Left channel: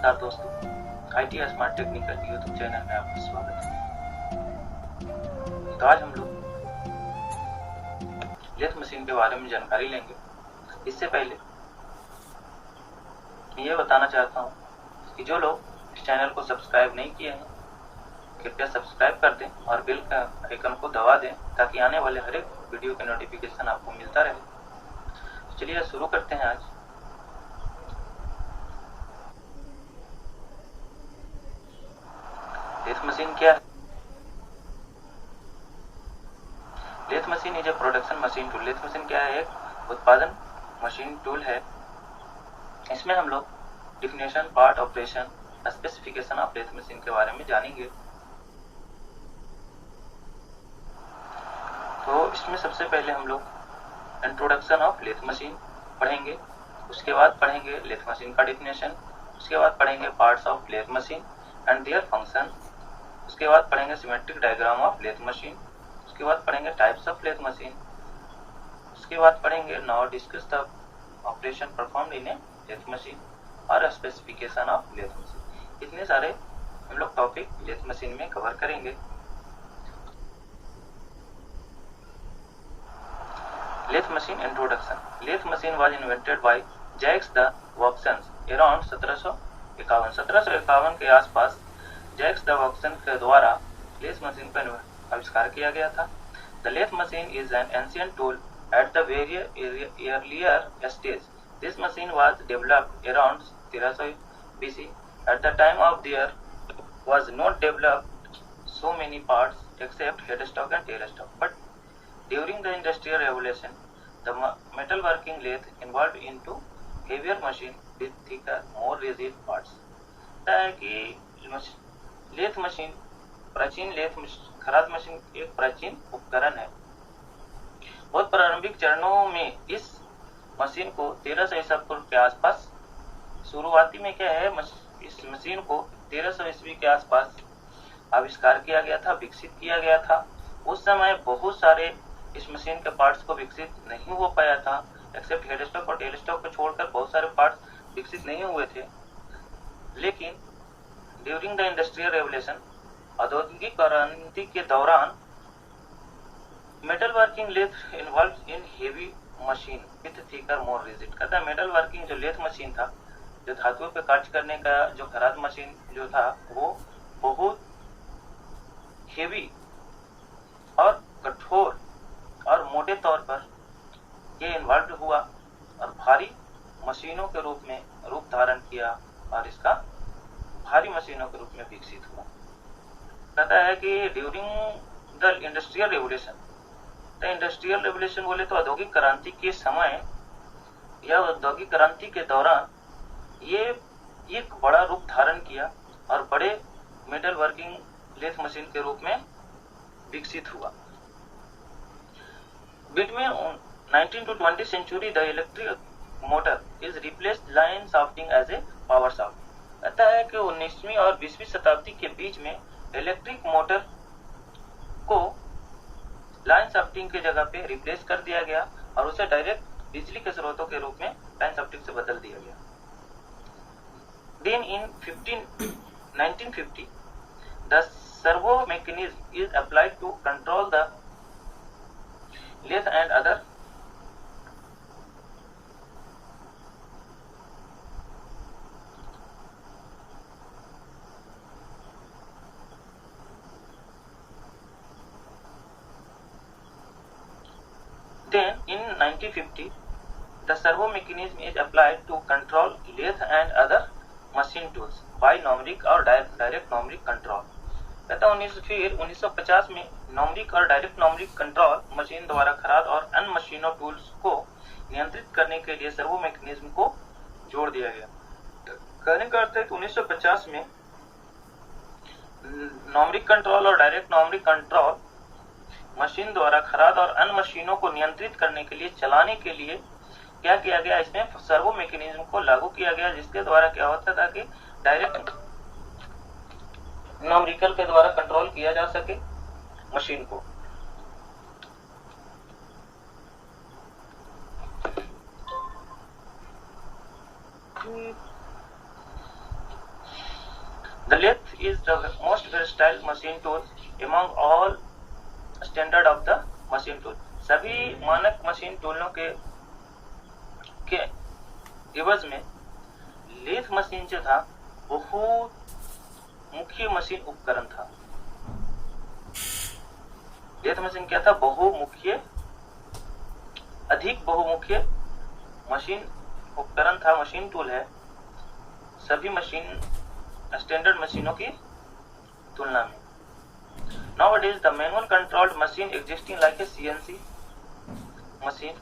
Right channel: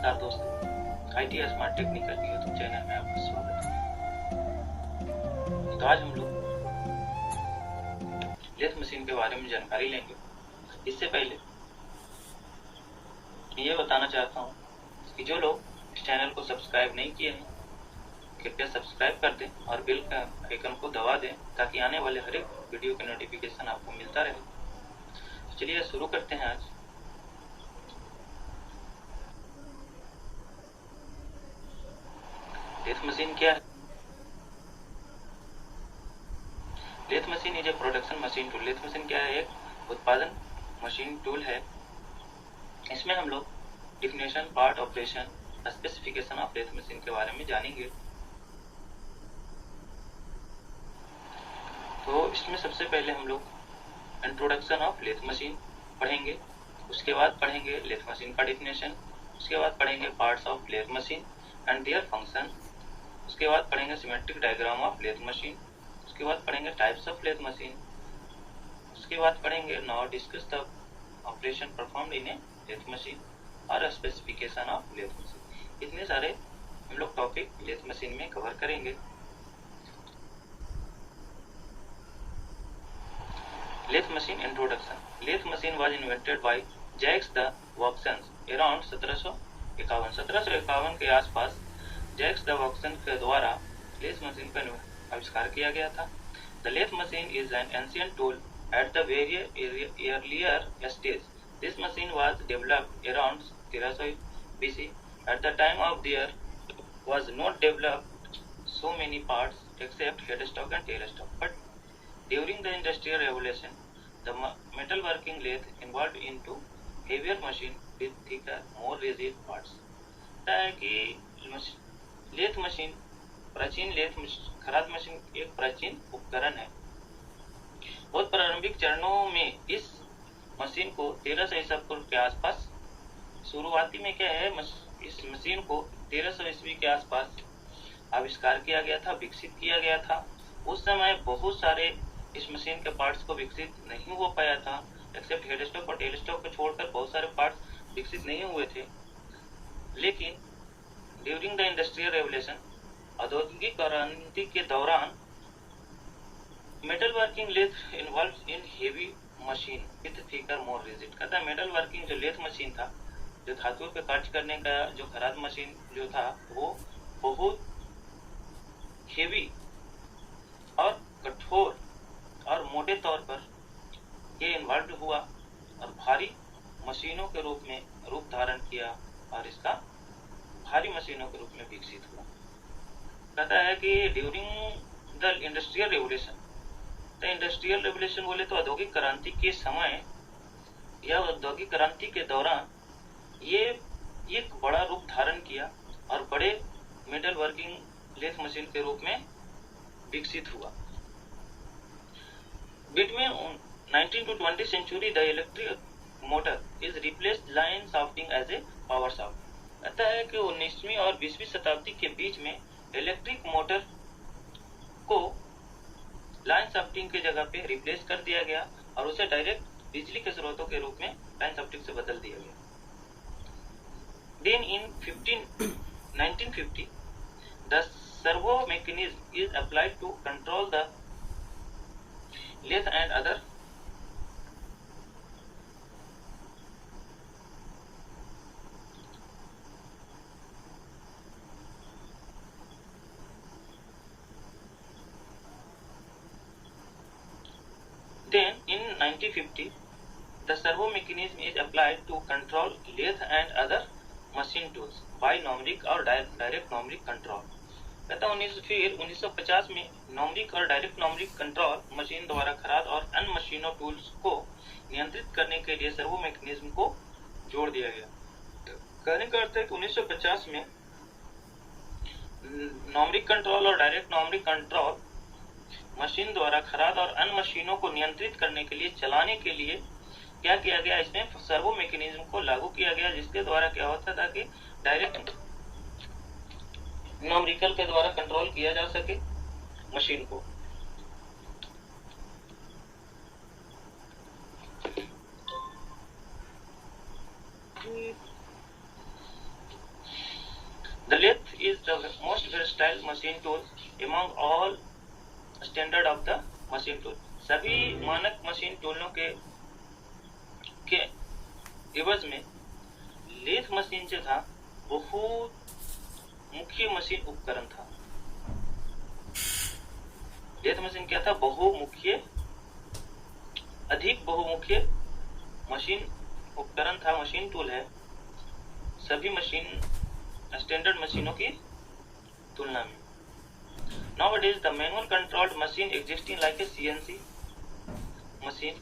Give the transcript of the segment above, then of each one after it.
नमस्कार दोस्तों, IT smart technical YouTube channel में आपका स्वागत है। तो आज हम लोग लेथ मशीन के बारे में जानकारी लेंगे। इससे पहले मैं ये बताना चाहता हूँ कि जो लोग इस चैनल को सब्सक्राइब नहीं किए हैं कृपया सब्सक्राइब कर दें और बेल का आइकन को दबा दें ताकि आने वाले हर एक वीडियो के नोटिफिकेशन आपको मिलता रहे। तो चलिए शुरू करते हैं। आज लेथ मशीन क्या है? Lathe machine is a production machine tool. Lathe machine क्या है? एक उत्पादन मशीन टूल है। इसमें हम लोग definition, part, operation, specification of lathe machine के बारे में जानेंगे। तो इसमें सबसे पहले हम लोग इंट्रोडक्शन ऑफ लेथ मशीन पढ़ेंगे, उसके बाद पढ़ेंगे लेथ मशीन का डिफिनेशन, उसके बाद पढ़ेंगे parts of lathe machine and their function, उसके बाद पढ़ेंगे symmetric diagram of lathe machine, उसके बाद पढ़ेंगे टाइप्स ऑफ लेथ मशीन, उसके बाद पढ़ेंगे now discuss the operation performed in a lathe machine और स्पेसिफिकेशन ऑफ लेथ मशीन। इतने सारे हम लोग टॉपिक लेथ मशीन में कवर करेंगे। Lathe machine introduction. Lathe machine was invented by Jacques de Vaucanson around 1751। 1751 के आसपास जैक्स द वॉक्सन के द्वारा लेथ मशीन का आविष्कार किया गया था। The lathe machine is an ancient tool at the very earlier stage. This machine was developed around 1300 BC. At the time of there was not developed so many parts except headstock and tailstock. But during the Industrial Revolution, the metalworking lathe evolved into heavier machine with thicker, more rigid parts. है कि lathe machine प्राचीन खराद machine एक प्राचीन उपकरण है। बहुत प्रारंभिक चरणों में इस मशीन को 1300 ईसा पूर्व के आसपास शुरुआती में क्या है, इस मशीन को 1300 ईस्वी के आसपास आविष्कार किया गया था, विकसित किया गया था। उस समय बहुत सारे इस मशीन के पार्ट्स को विकसित नहीं हो पाया था, एक्सेप्ट हेडस्टॉक और टेलस्टॉक को छोड़कर बहुत सारे पार्ट्स विकसित नहीं हुए थे। लेकिन ड्यूरिंग द इंडस्ट्रियल रेवोल्यूशन, औद्योगिक क्रांति के दौरान, metal working lathe involve in heavy machine with thicker more rigid. कहता है मेटल वर्किंग जो लेथ मशीन था, जो धातुओं पे कार्य करने का जो खराद मशीन जो था, वो बहुत हेवी और कठोर और मोटे तौर पर ये इन्वॉल्व हुआ और भारी मशीनों के रूप में रूप धारण किया और इसका भारी मशीनों के रूप में विकसित हुआ। कहता है कि during the industrial revolution, industrial revolution बोले तो औद्योगिक क्रांति के समय या औद्योगिक क्रांति के दौरान ये एक बड़ा रूप धारण किया और बड़े मेटल वर्किंग लेथ मशीन के रूप में विकसित हुआ। Between 19 to 20 century the electric motor is replaced line shafting as a power shaft. कहता है कि 19वीं और 20वीं शताब्दी के बीच में इलेक्ट्रिक मोटर को लाइन शाफ्टिंग की जगह पे रिप्लेस कर दिया गया और उसे डायरेक्ट बिजली के स्रोतों के रूप में लाइन शाफ्टिंग से बदल दिया गया। Then in 1950, the servo mechanism is applied to control the lathe and other Then in 1950, the servo mechanism is applied to control lathe and other machine tools by numeric और direct numeric control। कहता 1950 में numeric और direct numeric control machine द्वारा खराद और अन्य मशीनों tools को नियंत्रित करने के लिए सर्वो मैकेनिज्म को जोड़ दिया गया। कहने का अर्थ है कि 1950 में numeric कंट्रोल और डायरेक्ट numeric कंट्रोल मशीन द्वारा खराद और अन्य मशीनों को नियंत्रित करने के लिए, चलाने के लिए क्या किया गया, इसमें सर्वो मैकेनिज्म को लागू किया गया, जिसके द्वारा क्या होता था कि डायरेक्ट न्यूमेरिकल के द्वारा कंट्रोल किया जा सके मशीन को। lathe is the most versatile machine tool among all standard of the machine tool. सभी मानक मशीन टूलों के एवज में लेथ मशीन जो था बहुत मुख्य मशीन उपकरण था। लेथ मशीन क्या था? अधिक बहुमुख्य मशीन उपकरण था, मशीन टूल है सभी मशीन स्टैंडर्ड मशीनों की तुलना में। Nowadays, the manual controlled machine existing like a CNC machine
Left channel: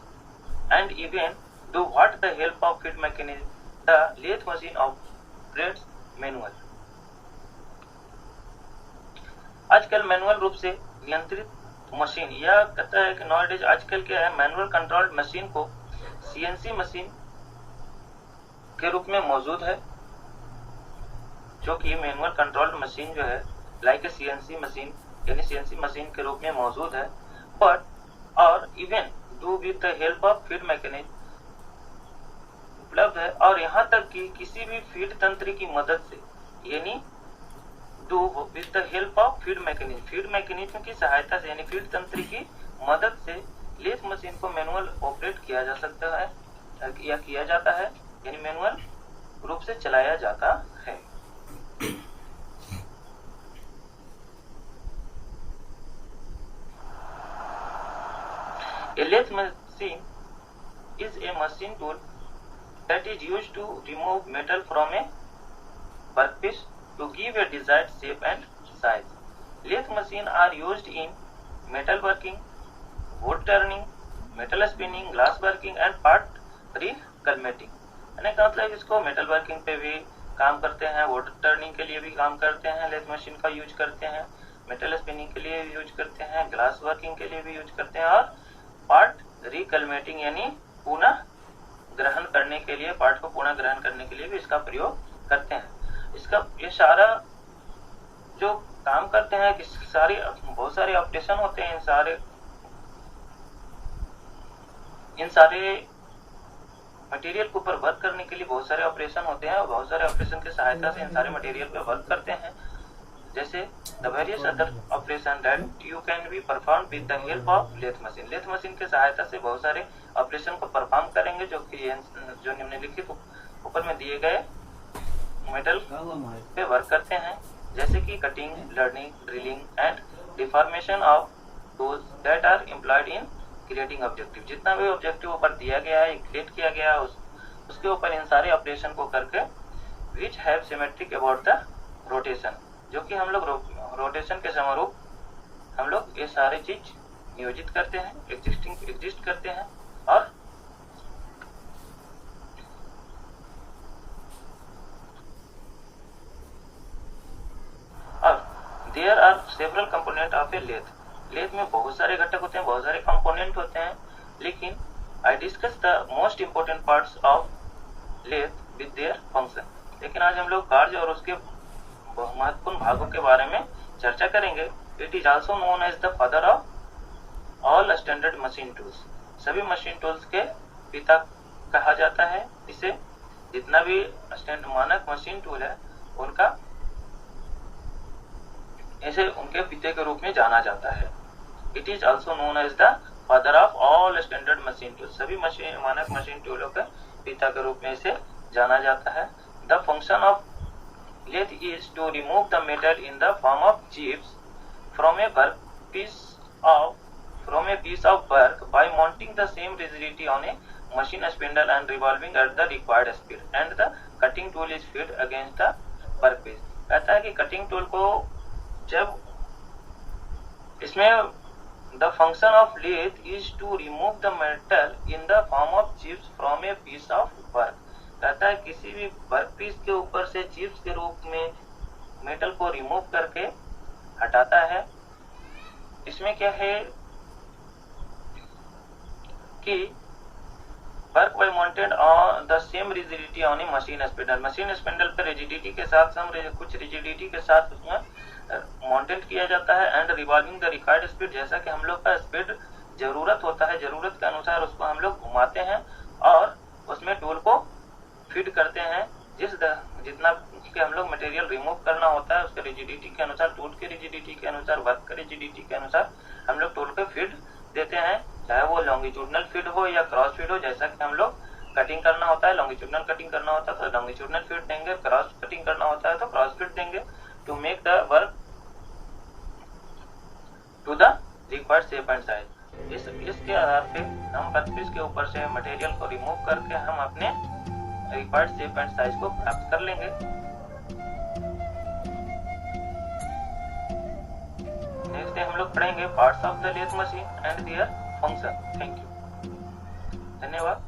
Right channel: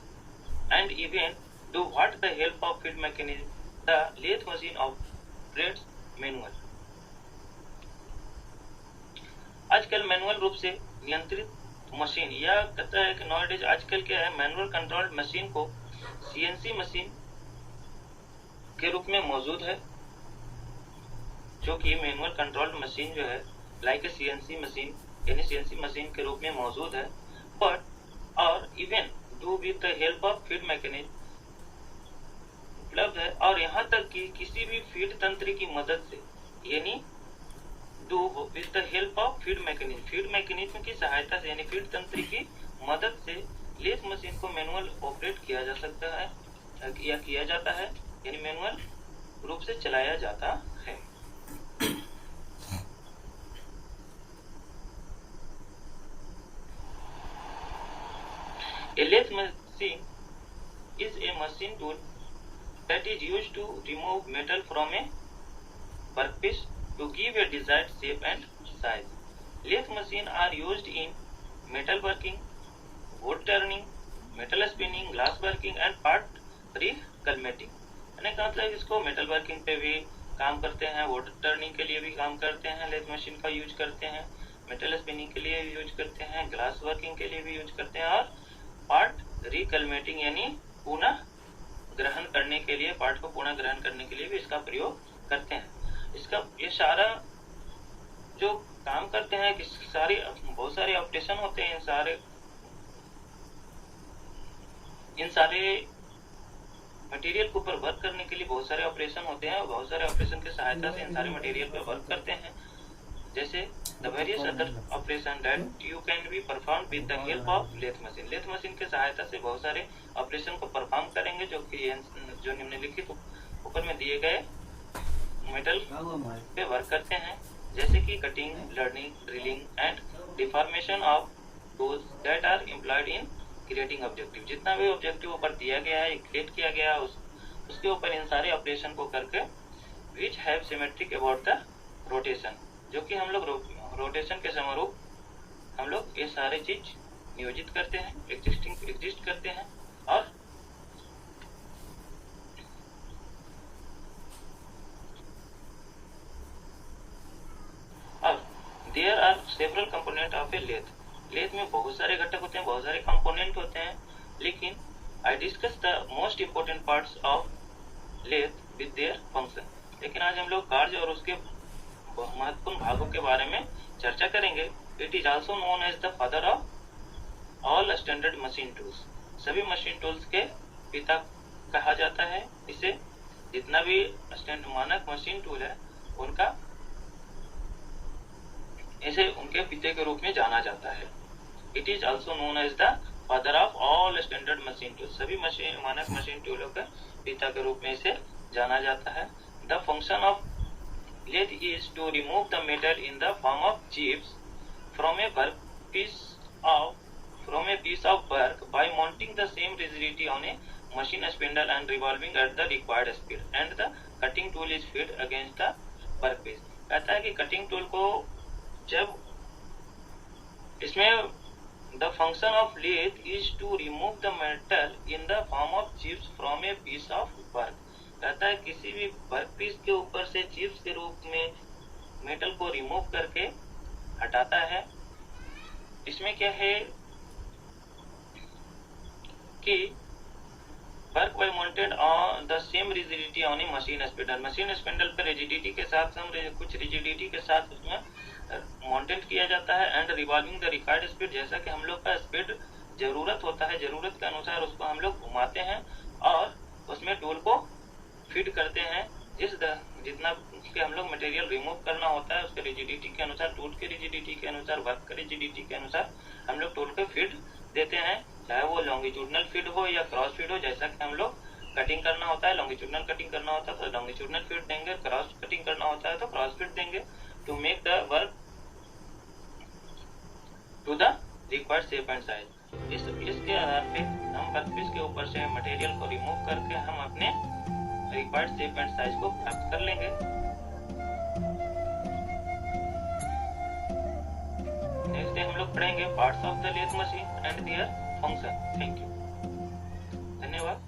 and even do what the help of feed mechanism, the lathe machine operates manual. आजकल मैनुअल रूप से नियंत्रित मशीन, यह कहता है कि nowadays आजकल क्या है, मैनुअल कंट्रोल्ड मशीन को CNC मशीन के रूप में मौजूद है, जो कि मैनुअल कंट्रोल्ड मशीन जो है लाइक ए CNC मशीन यानी CNC मशीन के रूप में मौजूद है, बट और even do with the help of feed mechanism उपलब्ध है, और यहाँ तक कि किसी भी फीड तंत्र की मदद से यानी do with the help of feed mechanism की सहायता से यानी फीड तंत्र की मदद से लेथ मशीन को मैनुअल ऑपरेट किया जा सकता है या किया जाता है, यानी मैनुअल रूप से चलाया जाता है। A lathe machine is a machine tool that is used to remove metal from a workpiece to give a desired shape and size. Lathe machines are used in metal working, wood turning, metal spinning, glass working and part recolmating. यानी का मतलब इसको metal working पे भी काम करते हैं, would turning के लिए भी काम करते हैं, लेथ मशीन का यूज करते हैं, मेटल स्पिनिंग के लिए भी यूज करते हैं, ग्लास वर्किंग के लिए भी यूज करते हैं, और पार्ट रिकलमेटिंग यानी पुनः ग्रहण करने के लिए, पार्ट को पुनः ग्रहण करने के लिए भी इसका प्रयोग करते हैं। इसका ये सारा जो काम करते हैं कि बहुत सारे ऑपरेशन होते हैं, इन सारे मटेरियल के ऊपर वर्क करने के लिए बहुत सारे ऑपरेशन होते हैं, और बहुत सारे ऑपरेशन की सहायता से इन सारे मटेरियल पे वर्क करते हैं। जैसे the various other operation that you can be perform with the help of lathe machine. Lathe machine की सहायता से बहुत सारे ऑपरेशन को परफॉर्म करेंगे जो निम्नलिखित ऊपर में दिए गए मेटल पे वर्क करते हैं, जैसे कि cutting, blading, drilling and deformation of tools that are employed in creating objective. जितना भी ऑब्जेक्टिव ऊपर दिया गया है, क्रिएट किया गया है, उसके ऊपर इन सारे ऑपरेशन को करके which have symmetric about the rotation, जो कि हम लोग रोटेशन के समरूप हम लोग ये सारे चीज नियोजित करते हैं, एग्जिस्ट करते हैं। और अब there are several component of a lathe. Lathe में बहुत सारे घटक होते हैं, बहुत सारे कंपोनेंट होते हैं, लेकिन I discuss the most important parts of lathe with their function. लेकिन आज हम लोग कार्य और उसके महत्वपूर्ण भागों के बारे में चर्चा करेंगे। It is also known as the father of all standard machine tools. सभी मशीन टूल्स के पिता कहा जाता है इसे। जितना भी मानक मशीन टूल है उनका ऐसे उनके पिता के रूप में जाना जाता है। It is also known as the father of all standard machine tools. सभी मानक मशीन टूलों के पिता के रूप में इसे जाना जाता है। The function of lathe is to remove the metal in the form of chips from a piece of work by mounting the same rigidity on a machine spindle and revolving at the required speed, and the cutting tool is fed against the workpiece। कहता है कि cutting tool को जब इसमें the function of lathe is to remove the metal in the form of chips from a piece of work। कहता है किसी भी वर्क पीस के ऊपर से चिप्स के रूप में मेटल को रिमूव करके हटाता है। इसमें क्या है कि work by mounted on the same rigidity on A machine spindle. Machine spindle पर रिजिडिटी के साथ कुछ रिजिडिटी के साथ उसमें माउंटेड किया जाता है। And revolving the required speed, जैसा कि हम लोग का स्पीड जरूरत होता है, जरूरत के अनुसार उसको हम लोग घुमाते हैं और उसमें टूल को फीड करते हैं जितना के हम लोग मटेरियल रिमूव करना होता है, उसके रिजिडिटी के अनुसार, टूल के रिजिडिटी के अनुसार, वर्क के रिजिडिटी के अनुसार हम लोग टूल पे फीड देते हैं, चाहे वो लॉन्गिट्यूडनल फीड हो या क्रॉस फीड हो। जैसा कि हम लोग कटिंग करना होता है, लॉन्गिट्यूडनल कटिंग करना होता है तो लॉन्गिट्यूडनल फीड देंगे, क्रॉस कटिंग करना होता है तो क्रॉस फीड देंगे, to make the work to the required shape and size. इसके आधार पे हम वर्कपीस के ऊपर से मटेरियल को रिमूव करके हम अपने रिक्वायर्ड शेप एंड साइज को प्राप्त कर लेंगे। नेक्स्ट डे हम लोग पढ़ेंगे parts of the lathe machine and their function. Thank you, धन्यवाद।